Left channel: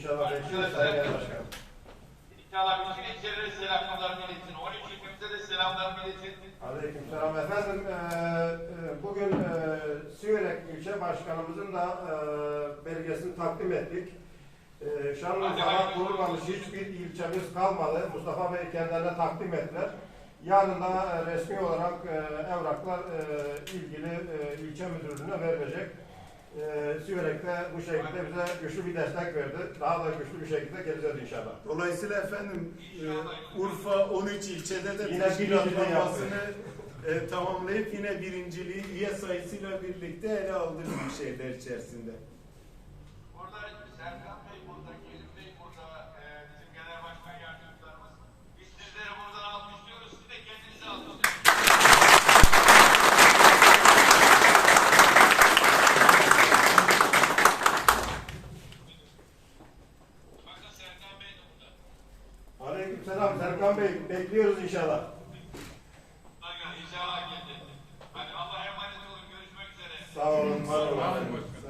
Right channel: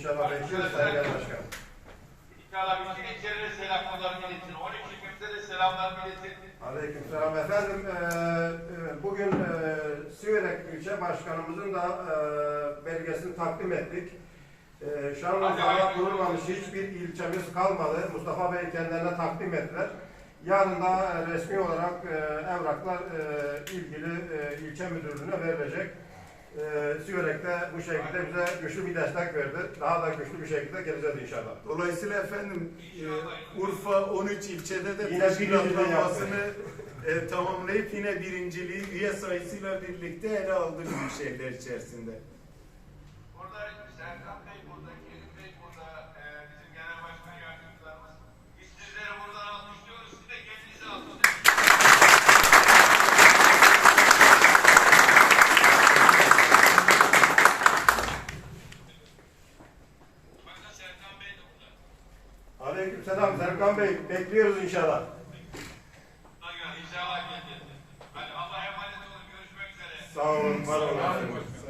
İnşallah bekliyoruz Genel Başkanım. İnşallah bütün ilçelere selamlarını iletin. 12 ilçemize de selamlarını iletin. Aleykümselam efendim. Ee, bugün e, Siverek ilçe başkanımızın da e, belgesini takdim ettik. E, Şanlıurfa'da kurulmamış hiçbir ilçemiz kalmadı. Mustafa Bey kendilerine takdim ettiler. Yarın da e, resmi olarak e, evraklar e, ilgili e, ilçe müdürlüğüne verilecek. E, Siverek de bu şekilde bize güçlü bir destek verdi. Daha da güçlü bir şekilde geleceğiz inşallah. Dolayısıyla efendim e, Urfa 13 ilçede de Yine teşkilatlanmasını e, tamamlayıp yine birinciliği üye sayısıyla birlikte ele aldı bir şeyler içerisinde. Burada Serkan Aleykümselam Serkan Bey. Bekliyoruz inşallah. İnşallah geldi. Hadi Allah'a emanet olun. Görüşmek üzere. Sağ olun, var olun.